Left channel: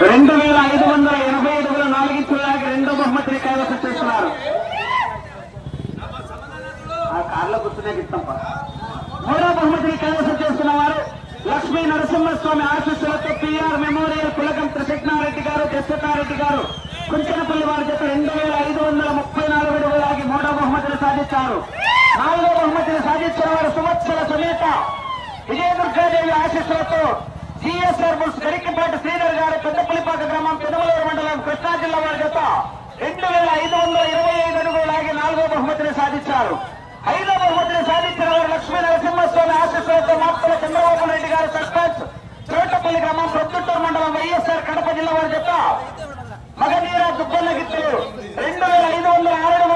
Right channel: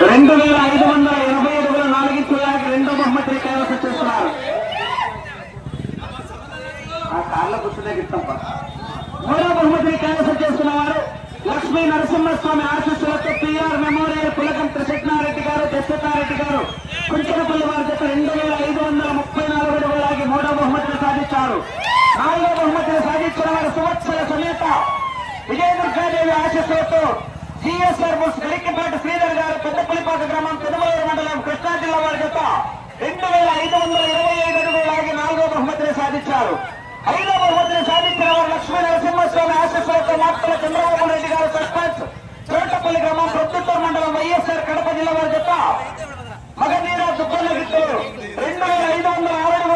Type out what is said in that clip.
2580 అడుగుల 4 ఇంచులకి రెండో బహుమతిని కైవసం చేస్తున్నారు. ఆ కార్ల కూర్చునే మూడో బహుమతిని కైవసం చేస్తున్నారు. Lakshmi Narasimhaswamy RTC PR memorial కులకం త్రిశక్నారెడ్డి గారు, దశరథారెడ్డి గారు కుంచనపల్లి వారి చేత 2534 అడుగులకి మూడో బహుమతిని సాధించారు. నాలుగో బహుమతిని సాధించిన వారు సంవత్సర సమేత విజయదుర్గాదేవి ఆశీస్సులతో జిఎస్ఆర్ బుల్స్ గరికపాటి శ్రీధర్ గారు పెద్దపల్లిపాక గ్రామం పెదమలూరు మండలం కృష్ణా జిల్లా వారి చేత 2525 అడుగులకి నాలుగో బహుమతిని సాధించారు. ఐదో బహుమతిని సాధించిన వారు లక్ష్మీ నరసింహస్వామి ఆశీస్సులతో నాపల చంద్రబాబు రెడ్డి గారు సర్పంచ్ చోటపల్లి గ్రామం ప్రొద్దుటూరు మండలం వైఎస్ఆర్ కడప జిల్లా వారి చేత మగనీర సుబ్బన్న గిత్తు 2506